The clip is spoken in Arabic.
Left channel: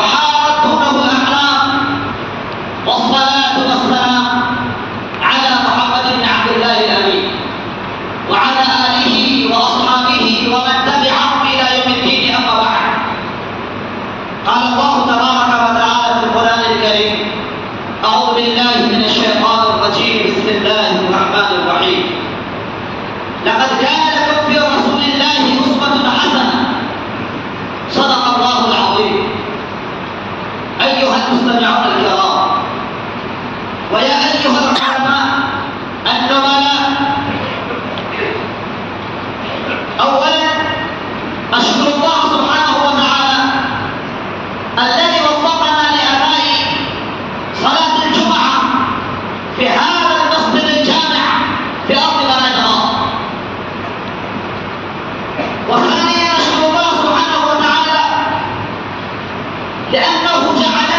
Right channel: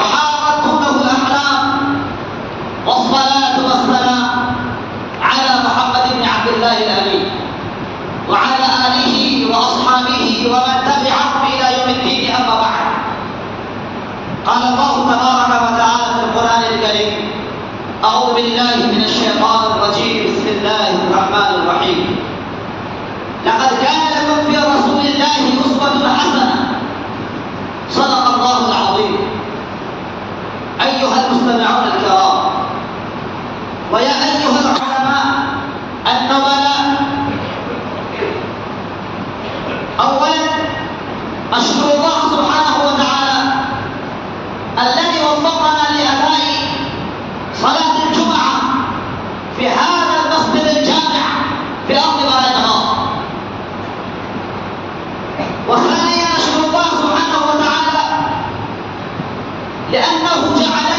وحارت دونه الأحلام، والصلاة والسلام على محمد بن عبد الله الأمين وعلى آله وأصحابه ومن تبعهم إلى يوم الدين. أما بعد، قال الله تبارك وتعالى في القرآن الكريم: أعوذ بالله من الشيطان الرجيم، بسم الله الرحمن الرحيم. لقد كان لكم في رسول الله أسوة حسنة. صدق الله العظيم. أيها المستمعون الكرام، ويا أيها العلماء النبلاء، أولا أشكر الله سبحانه وتعالى الذي وفقنا لأداء صلاة الجمعة في هذا المسجد الجامع في أرض بلدنا. وثانيا أشكر الله سبحانه وتعالى لأنه جعل